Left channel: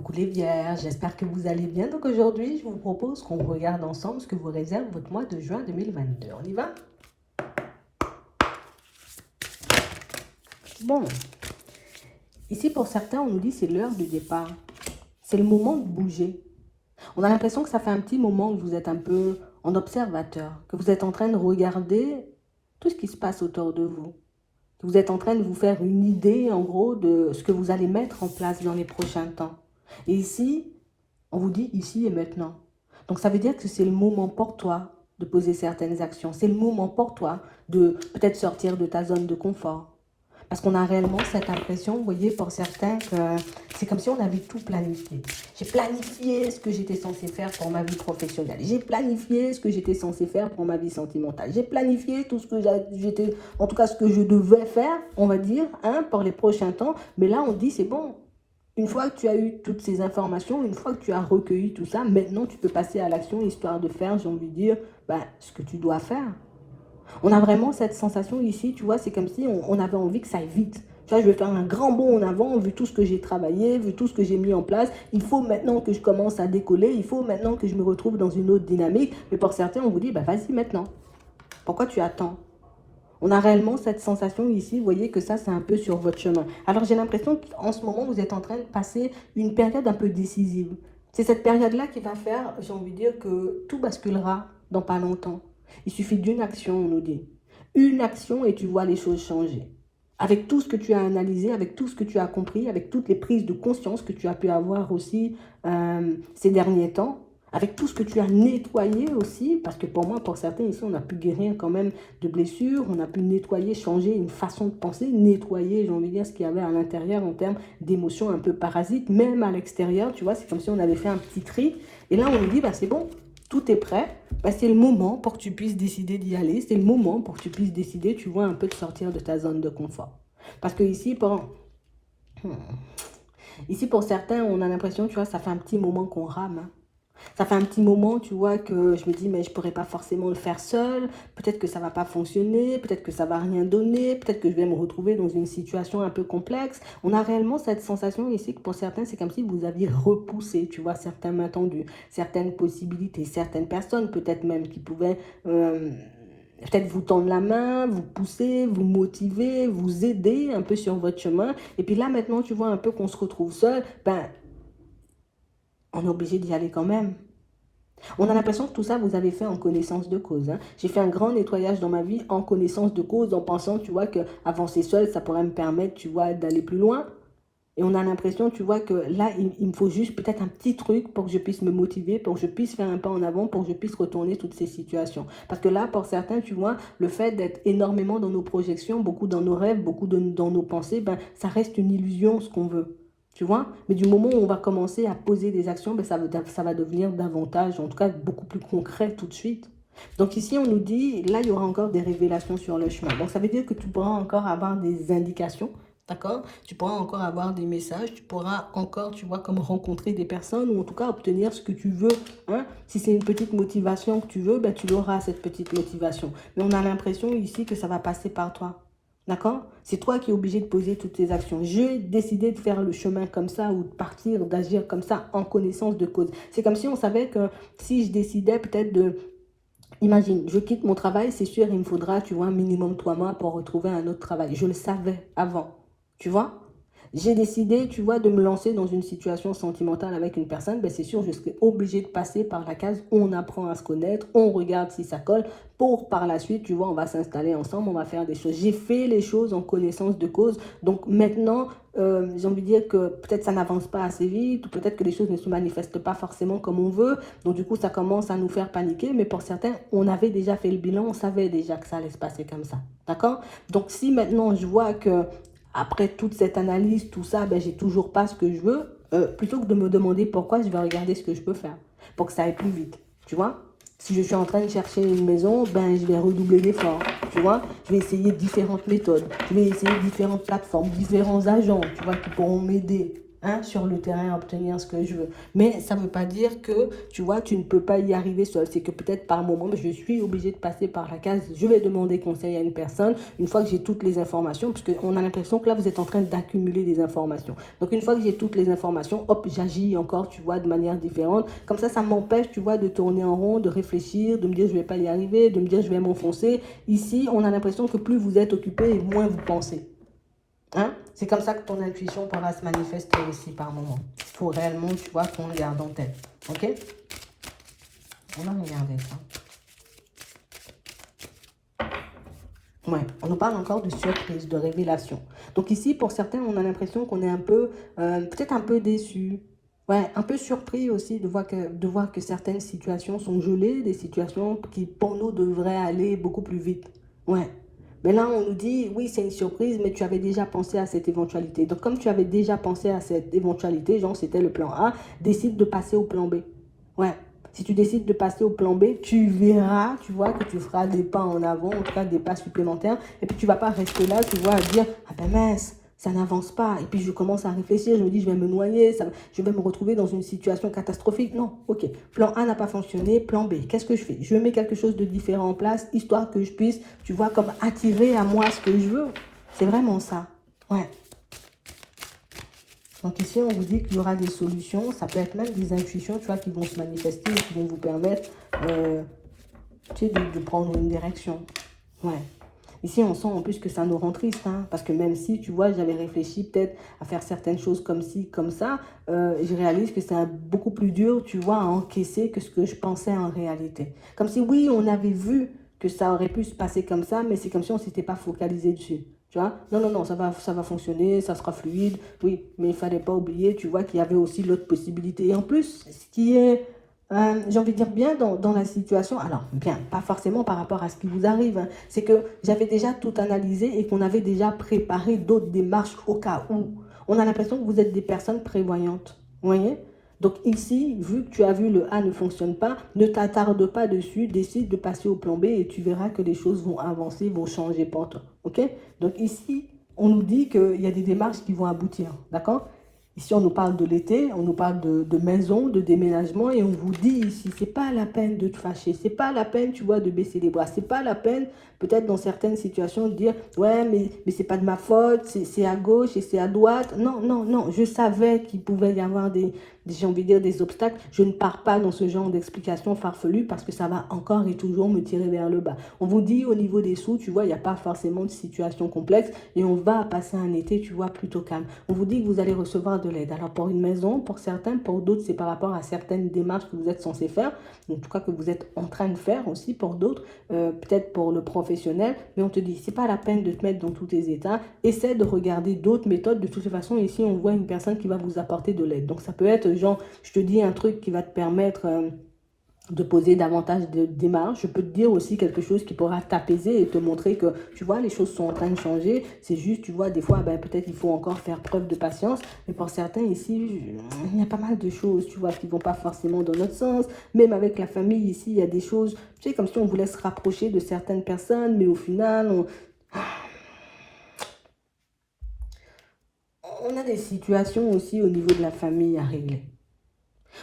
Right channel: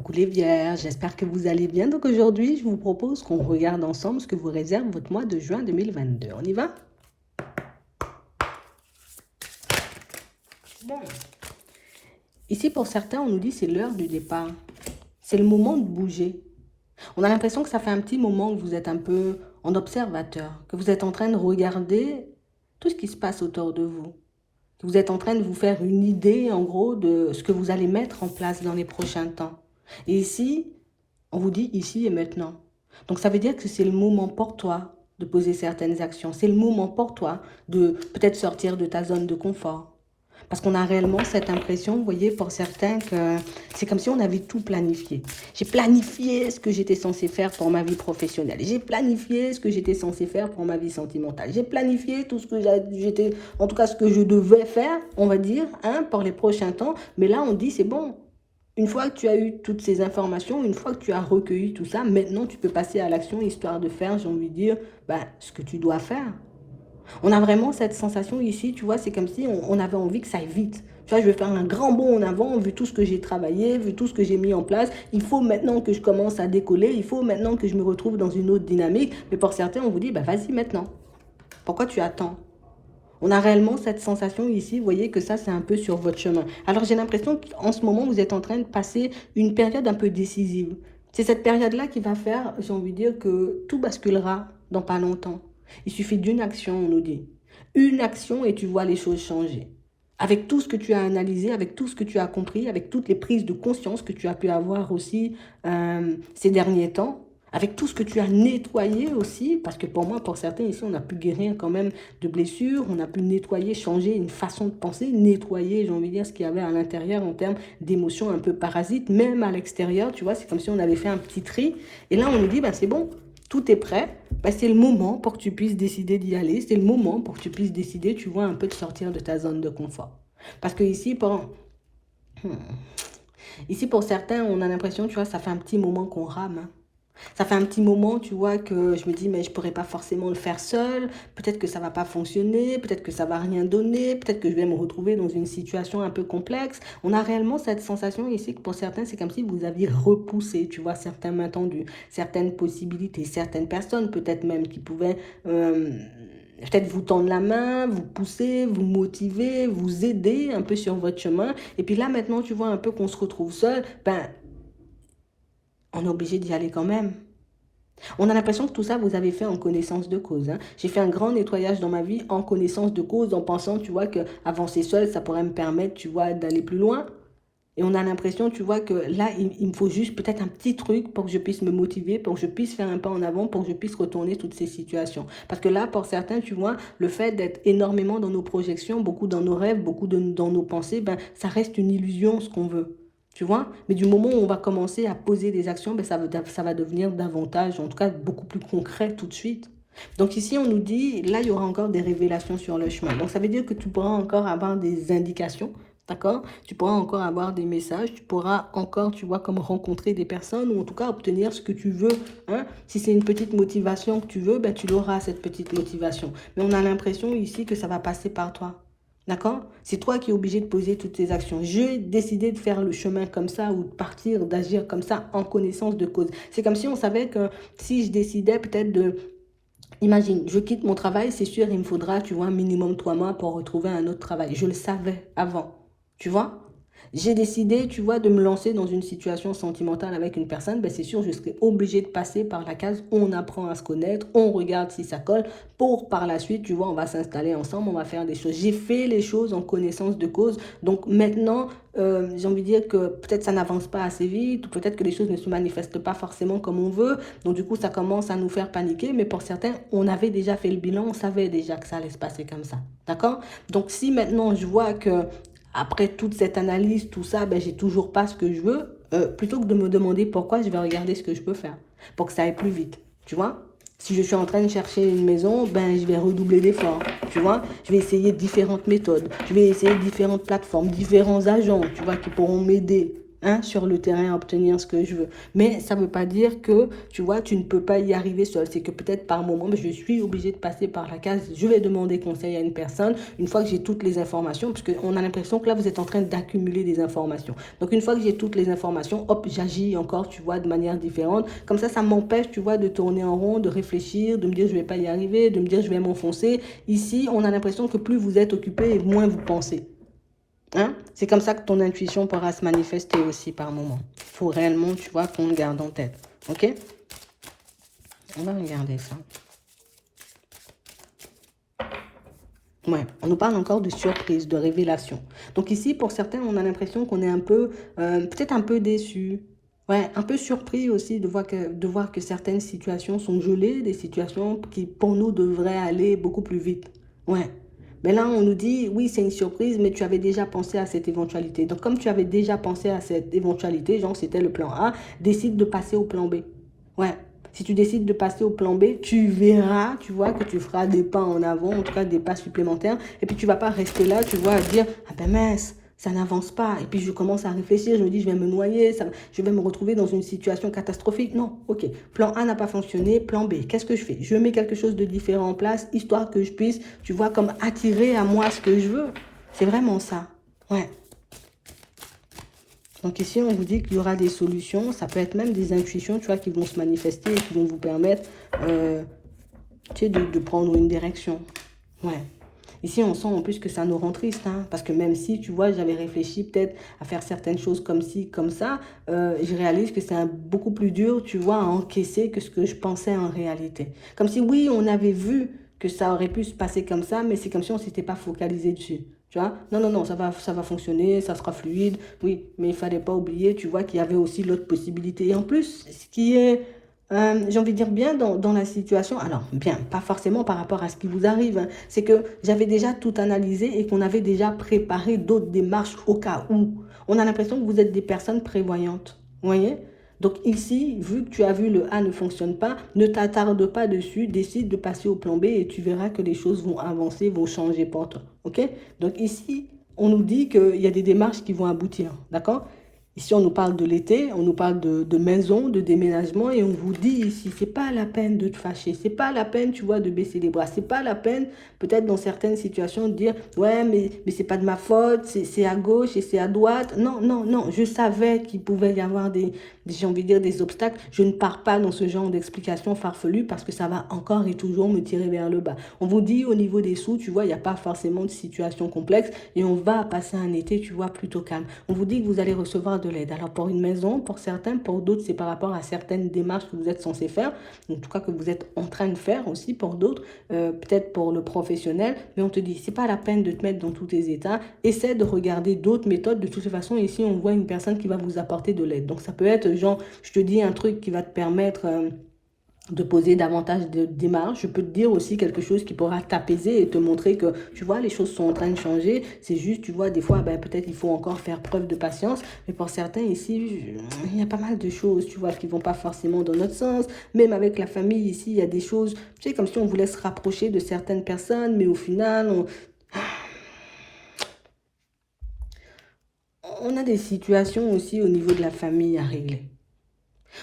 Coucou les vierges, j'espère que vous allez bien. Donc aujourd'hui, je vous propose qu'on regarde ensemble ce que vous réserve votre mois de juin 2022. On y va? Bon, ici pour certains, on nous dit c'est l'heure du départ. C'est le moment de bouger. On a l'impression que ça fait un petit moment que vous êtes un peu en observateur, que vous êtes en train de regarder tout ce qui se passe autour de vous. Que vous êtes en train de vous faire une idée, en gros, de ce que vous allez mettre en place dans les prochains temps. Et ici, on vous dit ici et maintenant. Donc ça veut dire que c'est le moment pour toi de poser certaines actions. C'est le moment pour toi de peut-être sortir de ta zone de confort. Parce qu'on a réellement cette impression, vous voyez, pour certains, que c'est comme si on avait tout planifié. J'ai planifié ce que j'étais censé faire pour ma vie professionnelle. J'ai planifié ce que j'étais censé faire pour ma vie sentimentale. J'ai planifié tout ce que j'étais, en tout cas ce que je devais faire, on va dire, hein, pour les prochains temps. Mais là, on dit, c'est bon. Une fois que tu as eu toutes ces informations, une fois que tu as recueilli tout ça, maintenant tu peux passer à l'action histoire de faire, j'ai envie de dire, ben, ce que tu dois faire. On a vraiment cette sensation ici, tu vois, c'est comme si on avait envie que ça aille vite. Tu vois, je vais faire un grand bond en avant, vu tout ce que j'ai travaillé, vu tout ce que j'ai mis en place. Il faut maintenant que je commence à décoller, il faut maintenant que je me retrouve dans une autre dynamique. Mais pour certains, on vous dit, bah vas-y maintenant. Pourquoi tu attends? On a réellement cette sensation ici, vous voyez que ça, c'est un peu sur votre chemin. Alors j'ai l'impression qu'en ce moment, vous êtes en train de passer une période un peu décisive. C'est cette période-là qui va faire, j'ai envie de dire, que tout basculera dans pas longtemps. Il suffit d'une action, on nous dit. Une action et tu vois les choses changer. Avec tout ce que tu as analysé, avec tout ce que tu as compris, avec toutes les prises de conscience que tu as pu avoir aussi ces derniers temps, avec tout ce que tu as nettoyé aussi, parce que pour moi, pour certains ici, on a pu guérir quand même de blessures, on a pu nettoyer, changer une façon de penser, nettoyer, j'ai envie de dire, ce qu'il y avait à l'intérieur en termes d'émotions un peu parasites, même à l'extérieur, tu vois, c'est comme si on avait fait un petit tri. Et là, on nous dit, bah, c'est bon, tout est prêt, bah, c'est le moment pour que tu puisses décider d'y aller, c'est le moment pour que tu puisses décider, tu vois, un peu de sortir de ta zone de confort. Parce que ici, hmm, ici, pour certains, on a l'impression, tu vois, ça fait un petit moment qu'on rame, hein. Ça fait un petit moment, tu vois, que je me dis, mais je pourrais pas forcément le faire seul. Peut-être que ça va pas fonctionner, peut-être que ça va rien donner, peut-être que je vais me retrouver dans une situation un peu complexe. On a réellement cette sensation ici que pour certains, c'est comme si vous aviez repoussé, tu vois, certains mains tendues, certaines possibilités, certaines personnes peut-être même qui pouvaient peut-être vous tendre la main, vous pousser, vous motiver, vous aider un peu sur votre chemin. Et puis là, maintenant, tu vois un peu qu'on se retrouve seul, ben, on est obligé d'y aller quand même. On a l'impression que tout ça, vous avez fait en connaissance de cause, hein. J'ai fait un grand nettoyage dans ma vie en connaissance de cause, en pensant, tu vois, qu'avancer seul, ça pourrait me permettre, tu vois, d'aller plus loin. Et on a l'impression, tu vois, que là, il me faut juste peut-être un petit truc pour que je puisse me motiver, pour que je puisse faire un pas en avant, pour que je puisse retourner toutes ces situations. Parce que là, pour certains, tu vois, le fait d'être énormément dans nos projections, beaucoup dans nos rêves, beaucoup dans nos pensées, ben, ça reste une illusion, ce qu'on veut. Tu vois? Mais du moment où on va commencer à poser des actions, ben, ça va devenir davantage, en tout cas, beaucoup plus concret tout de suite. Donc ici, on nous dit, là, il y aura encore des révélations sur le chemin. Donc ça veut dire que tu pourras encore avoir des indications. D'accord? Tu pourras encore avoir des messages, tu pourras encore, tu vois, comme rencontrer des personnes, ou en tout cas obtenir ce que tu veux, hein. Si c'est une petite motivation que tu veux, ben, tu auras cette petite motivation. Mais on a l'impression ici que ça va passer par toi. D'accord? C'est toi qui es obligé de poser toutes tes actions. J'ai décidé de faire le chemin comme ça ou de partir, d'agir comme ça en connaissance de cause. C'est comme si on savait que si je décidais peut-être de... Imagine, je quitte mon travail, c'est sûr, il me faudra, tu vois, un minimum 3 mois pour retrouver un autre travail. Je le savais avant, tu vois. J'ai décidé, tu vois, de me lancer dans une situation sentimentale avec une personne, ben c'est sûr, je serai obligée de passer par la case, on apprend à se connaître, on regarde si ça colle, pour par la suite, tu vois, on va s'installer ensemble, on va faire des choses. J'ai fait les choses en connaissance de cause, donc maintenant, j'ai envie de dire que peut-être ça n'avance pas assez vite, peut-être que les choses ne se manifestent pas forcément comme on veut, donc du coup, ça commence à nous faire paniquer, mais pour certains, on avait déjà fait le bilan, on savait déjà que ça allait se passer comme ça, d'accord? Donc si maintenant je vois que après toute cette analyse, tout ça, ben, j'ai toujours pas ce que je veux. Plutôt que de me demander pourquoi, je vais regarder ce que je peux faire pour que ça aille plus vite. Tu vois? Si je suis en train de chercher une maison, ben, je vais redoubler d'efforts. Tu vois? Je vais essayer différentes méthodes. Je vais essayer différentes plateformes, différents agents, tu vois, qui pourront m'aider. hein, sur le terrain à obtenir ce que je veux. Mais ça ne veut pas dire que, tu vois, tu ne peux pas y arriver seul. C'est que peut-être par moment, je suis obligée de passer par la case, je vais demander conseil à une personne, une fois que j'ai toutes les informations, parce qu'on a l'impression que là, vous êtes en train d'accumuler des informations. Donc, une fois que j'ai toutes les informations, hop, j'agis encore, tu vois, de manière différente. Comme ça m'empêche, tu vois, de tourner en rond, de réfléchir, de me dire, je ne vais pas y arriver, de me dire, je vais m'enfoncer. Ici, on a l'impression que plus vous êtes occupé, moins vous pensez. Hein? C'est comme ça que ton intuition pourra se manifester aussi par moment. Il faut réellement, tu vois, qu'on le garde en tête. Ok? On va regarder ça. Ouais, on nous parle encore de surprise, de révélation. Donc ici, pour certains, on a l'impression qu'on est un peu, peut-être un peu déçu. Ouais, un peu surpris aussi de voir que certaines situations sont gelées, des situations qui, pour nous, devraient aller beaucoup plus vite. Ouais. Mais là, on nous dit, oui, c'est une surprise, mais tu avais déjà pensé à cette éventualité. Donc, comme tu avais déjà pensé à cette éventualité, genre c'était le plan A, décide de passer au plan B. Ouais. Si tu décides de passer au plan B, tu verras, tu vois, que tu feras des pas en avant, en tout cas des pas supplémentaires. Et puis tu vas pas rester là, tu vois, à dire, ah ben mince, ça n'avance pas. Et puis je commence à réfléchir, je me dis, je vais me noyer, je vais me retrouver dans une situation catastrophique. Non, ok. Plan A n'a pas fonctionné, plan B, qu'est-ce que je fais? Je mets quelque chose de différent en place, histoire que je puisse, tu vois, comme attirer à moi ce que je veux. C'est vraiment ça. Ouais. Donc ici, on vous dit qu'il y aura des solutions. Ça peut être même des intuitions, tu vois, qui vont se manifester et qui vont vous permettre, tu sais, de prendre une direction. Ouais. Ici, on sent en plus que ça nous rend triste, hein, parce que même si, tu vois, j'avais réfléchi peut-être à faire certaines choses comme ci, comme ça, je réalise que c'est beaucoup plus dur, tu vois, à encaisser que ce que je pensais en réalité. Comme si, oui, on avait vu que ça aurait pu se passer comme ça, mais c'est comme si on ne s'était pas focalisé dessus. Tu vois? Non, non, non, ça va fonctionner, ça sera fluide. Oui, mais il ne fallait pas oublier, tu vois, qu'il y avait aussi l'autre possibilité. Et en plus, ce qui est j'ai envie de dire bien dans la situation, alors bien, pas forcément par rapport à ce qui vous arrive, hein, c'est que j'avais déjà tout analysé et qu'on avait déjà préparé d'autres démarches au cas où. On a l'impression que vous êtes des personnes prévoyantes, vous voyez? Donc ici, vu que tu as vu le A ne fonctionne pas, ne t'attarde pas dessus, décide de passer au plan B et tu verras que les choses vont avancer, vont changer pour toi, ok? Donc ici, on nous dit qu'il y a des démarches qui vont aboutir, d'accord? Ici, on nous parle de l'été, on nous parle de maison, de déménagement, et on vous dit ici, c'est pas la peine de te fâcher, c'est pas la peine, tu vois, de baisser les bras, c'est pas la peine, peut-être dans certaines situations, de dire, ouais, mais c'est pas de ma faute, c'est à gauche et c'est à droite. Non, non, non, je savais qu'il pouvait y avoir j'ai envie de dire, des obstacles. Je ne pars pas dans ce genre d'explications farfelues parce que ça va encore et toujours me tirer vers le bas. On vous dit, au niveau des sous, tu vois, il n'y a pas forcément de situation complexe et on va passer un été, tu vois, plutôt calme. On vous dit que vous allez recevoir de l'aide. Alors pour une maison, pour certains, pour d'autres, c'est par rapport à certaines démarches que vous êtes censé faire, en tout cas que vous êtes en train de faire aussi pour d'autres, peut-être pour le professionnel, mais on te dit, c'est pas la peine de te mettre dans tous tes états, essaie de regarder d'autres méthodes. De toute façon, ici, on voit une personne qui va vous apporter de l'aide. Donc ça peut être, genre, je te dis un truc qui va te permettre de poser davantage de démarches. Je peux te dire aussi quelque chose qui pourra t'apaiser et te montrer que, tu vois, les choses sont en train de changer. C'est juste, tu vois, des fois, ben, peut-être il faut encore faire preuve de patience. Mais pour certains ici, il y a pas mal de choses, tu vois, qui vont pas forcément dans notre sens. Même avec la famille ici, il y a des choses, tu sais, comme si on voulait se rapprocher de certaines personnes, mais au final, on a des situations aussi au niveau de la famille à régler.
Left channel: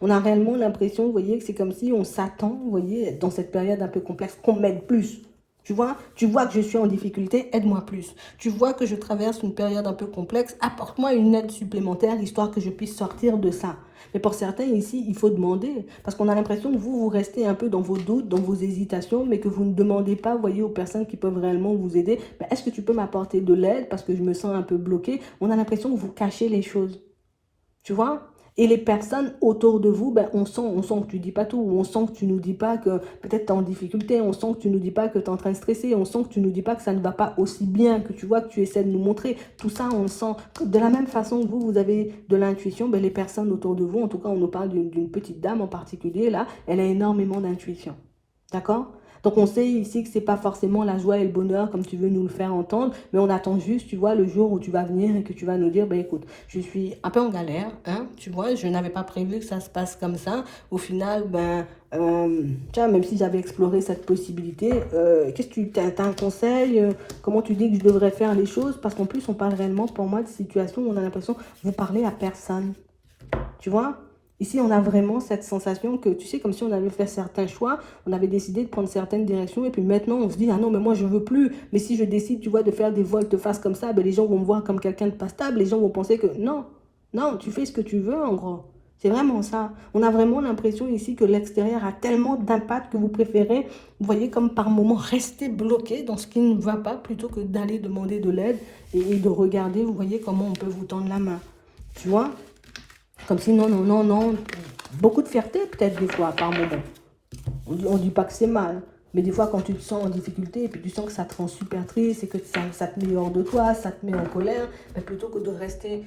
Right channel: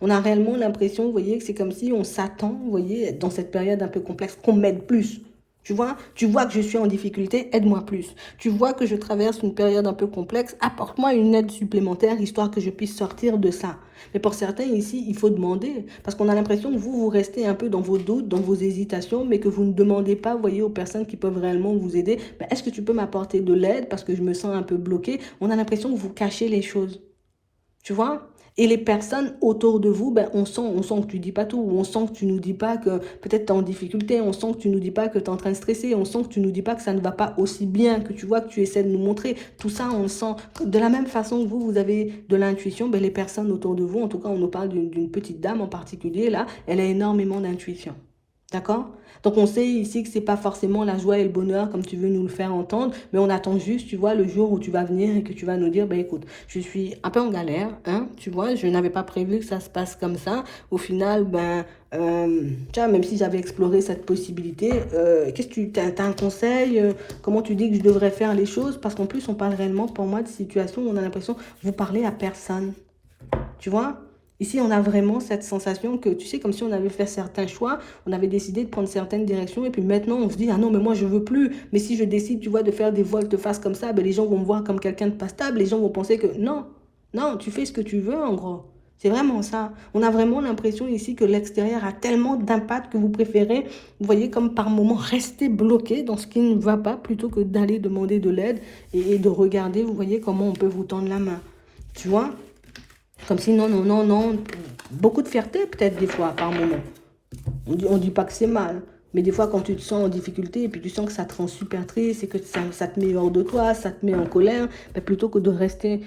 On a réellement l'impression, vous voyez, que c'est comme si on s'attend, vous voyez, dans cette période un peu complexe, qu'on m'aide plus. Tu vois que je suis en difficulté, aide-moi plus. Tu vois que je traverse une période un peu complexe, apporte-moi une aide supplémentaire, histoire que je puisse sortir de ça. Mais pour certains ici, il faut demander, parce qu'on a l'impression que vous restez un peu dans vos doutes, dans vos hésitations, mais que vous ne demandez pas, vous voyez, aux personnes qui peuvent réellement vous aider, ben, est-ce que tu peux m'apporter de l'aide parce que je me sens un peu bloqué. On a l'impression que vous cachez les choses. Tu vois? Et les personnes autour de vous, ben, on sent que tu dis pas tout, on sent que tu nous dis pas que peut-être tu es en difficulté, on sent que tu nous dis pas que tu es en train de stresser, on sent que tu nous dis pas que ça ne va pas aussi bien, que tu vois que tu essaies de nous montrer. Tout ça, on le sent. De la même façon que vous avez de l'intuition, ben, les personnes autour de vous, en tout cas, on nous parle d'une petite dame en particulier, là, elle a énormément d'intuition. D'accord? Donc on sait ici que c'est pas forcément la joie et le bonheur comme tu veux nous le faire entendre, mais on attend juste, tu vois, le jour où tu vas venir et que tu vas nous dire, ben écoute, je suis un peu en galère, hein, tu vois, je n'avais pas prévu que ça se passe comme ça. Au final, tu vois, même si j'avais exploré cette possibilité, qu'est-ce que t'as un conseil, comment tu dis que je devrais faire les choses? Parce qu'en plus, on parle réellement, pour moi, de situation où on a l'impression que vous parlez à personne. Tu vois? Ici, on a vraiment cette sensation que, tu sais, comme si on avait fait certains choix, on avait décidé de prendre certaines directions, et puis maintenant, on se dit, ah non, mais moi, je ne veux plus. Mais si je décide, tu vois, de faire des volte-face comme ça, ben, les gens vont me voir comme quelqu'un de pas stable, les gens vont penser que non, non, tu fais ce que tu veux, en gros. C'est vraiment ça. On a vraiment l'impression ici que l'extérieur a tellement d'impact que vous préférez, vous voyez, comme par moment, rester bloqué dans ce qui ne va pas plutôt que d'aller demander de l'aide et de regarder, vous voyez, comment on peut vous tendre la main. Tu vois? Comme si non, non, non, non. Beaucoup de fierté peut-être des fois par moment. On dit pas que c'est mal. Mais des fois quand tu te sens en difficulté et puis tu sens que ça te rend super triste et que ça te met hors de toi, ça te met en colère, mais plutôt que de rester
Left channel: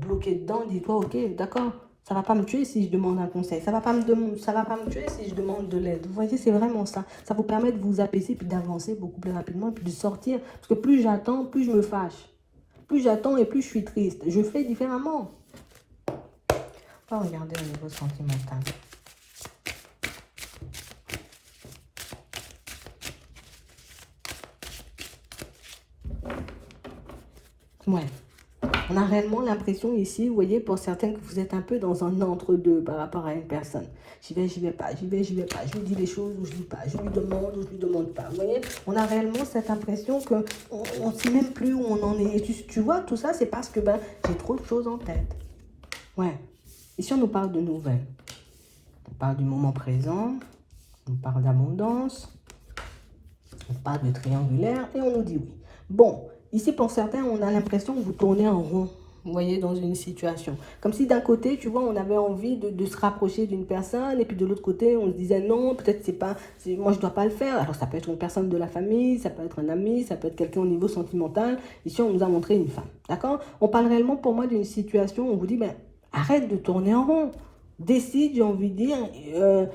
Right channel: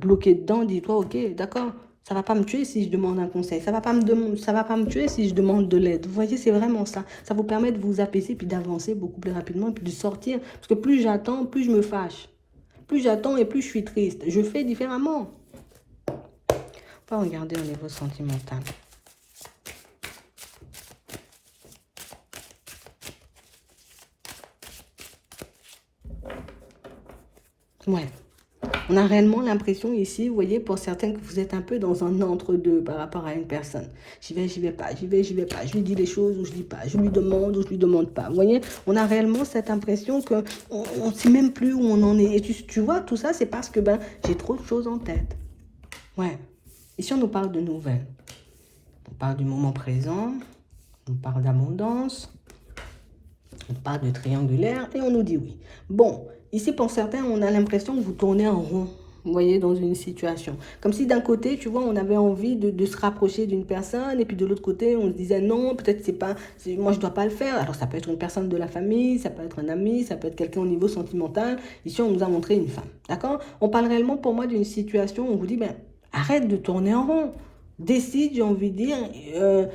bloqué dedans, dis-toi, ok, d'accord, ça va pas me tuer si je demande un conseil, ça va pas me tuer si je demande de l'aide. Vous voyez, c'est vraiment ça. Ça vous permet de vous apaiser puis d'avancer beaucoup plus rapidement et puis de sortir. Parce que plus j'attends, plus je me fâche. Plus j'attends et plus je suis triste. Je fais différemment. On va regarder au niveau sentimental. Ouais. On a réellement l'impression ici, vous voyez, pour certains, que vous êtes un peu dans un entre-deux par rapport à une personne. J'y vais pas, j'y vais pas. Je lui dis les choses ou je dis pas. Je lui demande ou je lui demande pas. Vous voyez, on a réellement cette impression que on ne sait même plus où on en est. Et tu vois, tout ça, c'est parce que j'ai trop de choses en tête. Ouais. Ici, on nous parle de nouvelles. On parle du moment présent. On parle d'abondance. On parle de triangulaire et on nous dit oui. Bon, ici pour certains, on a l'impression que vous tournez en rond, vous voyez, dans une situation. Comme si d'un côté, tu vois, on avait envie de se rapprocher d'une personne et puis de l'autre côté, on se disait non, peut-être moi je dois pas le faire. Alors ça peut être une personne de la famille, ça peut être un ami, ça peut être quelqu'un au niveau sentimental. Ici, on nous a montré une femme, d'accord? On parle réellement pour moi d'une situation où on vous dit, ben, arrête de tourner en rond. Décide, j'ai envie de dire, euh,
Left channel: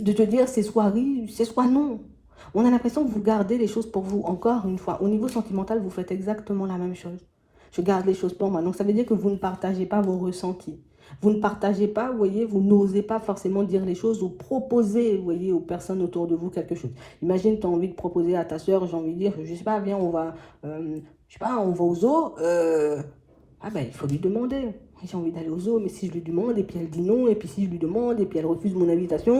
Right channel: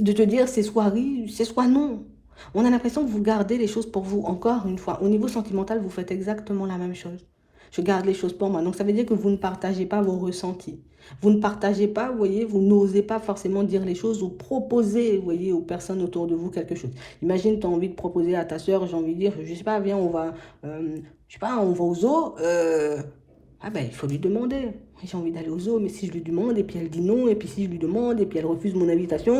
de te dire c'est soit oui, c'est soit non. On a l'impression que vous gardez les choses pour vous. Encore une fois, au niveau sentimental, vous faites exactement la même chose. Je garde les choses pour moi. Donc ça veut dire que vous ne partagez pas vos ressentis. Vous ne partagez pas, vous voyez, vous n'osez pas forcément dire les choses ou proposer, vous voyez, aux personnes autour de vous quelque chose. Imagine, tu as envie de proposer à ta soeur, j'ai envie de dire, je sais pas, viens, je sais pas, on va au zoo. Ah ben, il faut lui demander. J'ai envie d'aller au zoo, mais si je lui demande et puis elle dit non, et puis si je lui demande et puis elle refuse mon invitation,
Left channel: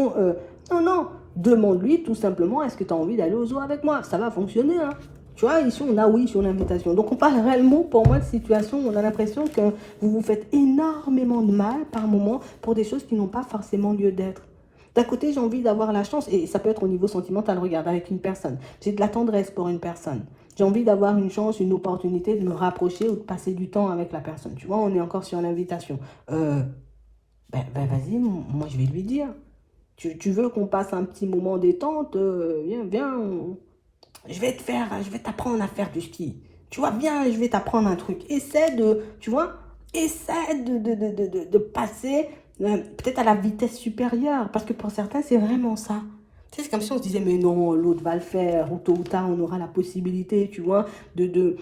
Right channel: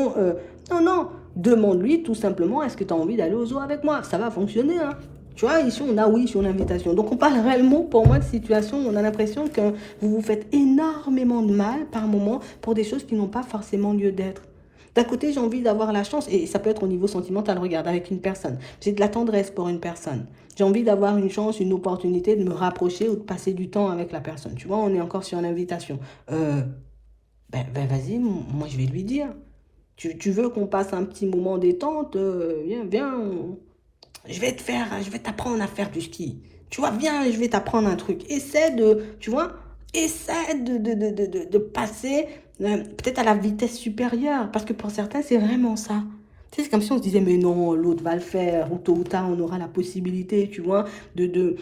non, non, demande-lui tout simplement, est-ce que tu as envie d'aller au zoo avec moi? Ça va fonctionner, hein. Tu vois, ici on a oui sur l'invitation. Donc on parle réellement pour moi de situation où on a l'impression que vous vous faites énormément de mal par moment pour des choses qui n'ont pas forcément lieu d'être. D'un côté, j'ai envie d'avoir la chance, et ça peut être au niveau sentimental, regarde, avec une personne. J'ai de la tendresse pour une personne. J'ai envie d'avoir une chance, une opportunité de me rapprocher ou de passer du temps avec la personne. Tu vois, on est encore sur l'invitation. Euh, vas-y, moi je vais lui dire. Tu veux qu'on passe un petit moment détente? Viens, viens. Je vais t'apprendre à faire du ski. Tu vois, viens, je vais t'apprendre un truc. Essaie de, tu vois, essaie de passer peut-être à la vitesse supérieure. Parce que pour certains, c'est vraiment ça. Tu sais, c'est comme si on se disait, mais non, l'autre va le faire, ou tôt ou tard, on aura la possibilité, tu vois, de, de,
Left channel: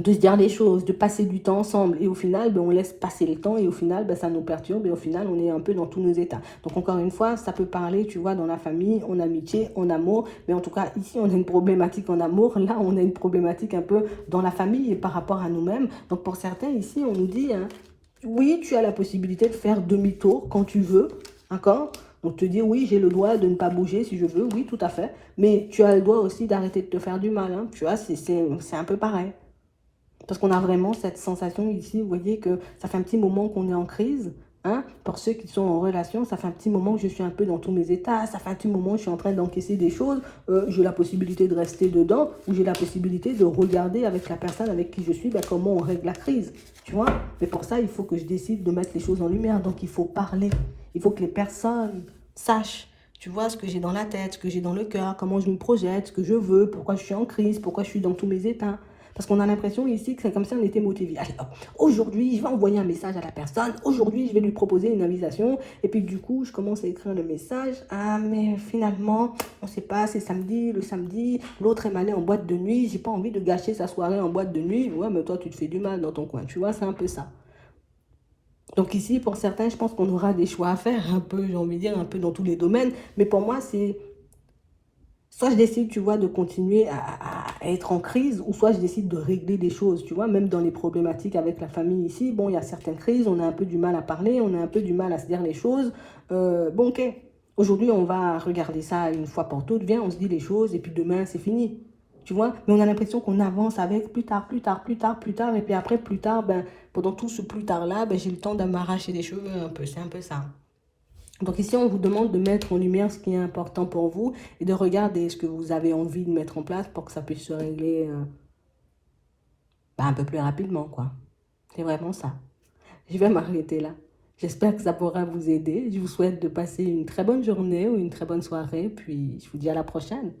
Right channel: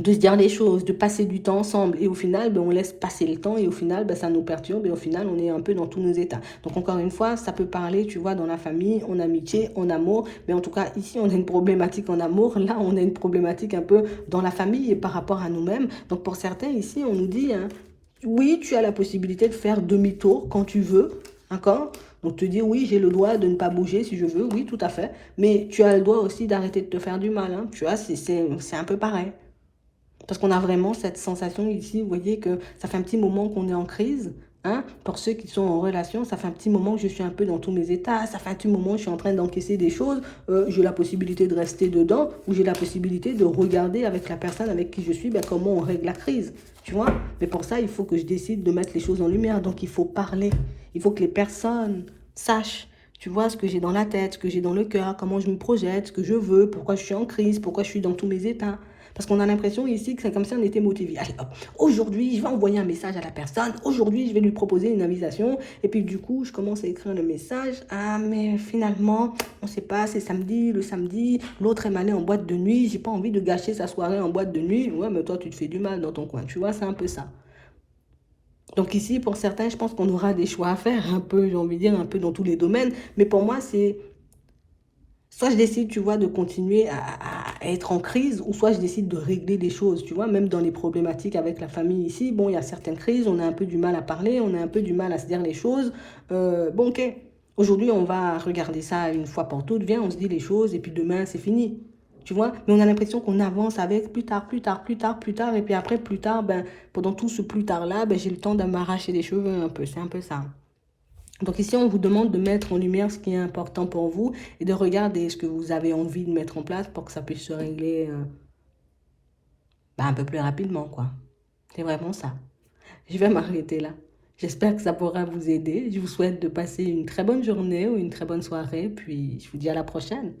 de se dire les choses, de passer du temps ensemble. Et au final, on laisse passer le temps et au final, ça nous perturbe et au final, on est un peu dans tous nos états. Donc encore une fois, ça peut parler, tu vois, dans la famille, en amitié, en amour. Mais en tout cas, ici, on a une problématique en amour. Là, on a une problématique un peu dans la famille et par rapport à nous-mêmes. Donc pour certains, ici, on nous dit, hein, oui, tu as la possibilité de faire demi-tour quand tu veux. D'accord? Donc te dire, oui, j'ai le droit de ne pas bouger si je veux. Oui, tout à fait. Mais tu as le droit aussi d'arrêter de te faire du mal. Hein. Tu vois, c'est un peu pareil. Parce qu'on a vraiment cette sensation ici, vous voyez que ça fait un petit moment qu'on est en crise. Hein? Pour ceux qui sont en relation, ça fait un petit moment que je suis un peu dans tous mes états. Ça fait un petit moment que je suis en train d'encaisser des choses. J'ai la possibilité de rester dedans ou j'ai la possibilité de regarder avec la personne avec qui je suis comment on règle la crise. Tu vois? Mais pour ça, il faut que je décide de mettre les choses en lumière. Donc, il faut parler. Il faut que les personnes sachent. Tu vois ce que j'ai dans la tête, ce que j'ai dans le cœur, comment je me projette, ce que je veux, pourquoi je suis en crise, pourquoi je suis dans tous mes états. Parce qu'on a l'impression ici que c'est comme si on était motivé. Allez, hop, aujourd'hui, je vais envoyer un message à la personne. Aujourd'hui, je vais lui proposer une invitation. Et puis, du coup, je commence à écrire le message. Ah, mais finalement, on ne sait pas, c'est samedi, le samedi. L'autre est allé en boîte de nuit. J'ai pas envie de gâcher sa soirée en boîte de nuit. Ouais, mais toi, tu te fais du mal dans ton coin. Tu vois, c'est un peu ça. Donc ici, pour certains, je pense qu'on aura des choix à faire, un peu, j'ai envie de dire, un peu dans tous les domaines. Mais pour moi, c'est soit je décide, tu vois, de continuer à être en crise, ou soit je décide de régler des choses, tu vois, même dans les problématiques avec la famille ici. Bon, il y a certaines crises, on a un peu du mal à parler, on a un peu du mal à se dire les choses. Bon, ok, aujourd'hui, on va regarder ça une fois pour toutes, viens, on se dit les choses, et puis demain, c'est fini. Tu vois, mais on a l'impression qu'on avance avec plus tard, plus tard, plus tard, plus tard, et puis après, plus tard, ben, pendant tout ce plus tard-là, ben, j'ai le temps de m'arracher les cheveux un peu, c'est un peu ça. Donc ici, on vous demande de mettre en lumière ce qui est important pour vous et de regarder ce que vous avez envie de mettre en place pour que ça puisse se régler un peu plus rapidement, quoi. C'est vraiment ça. Je vais m'arrêter là. J'espère que ça pourra vous aider. Je vous souhaite de passer une très bonne journée ou une très bonne soirée, puis je vous dis à la prochaine.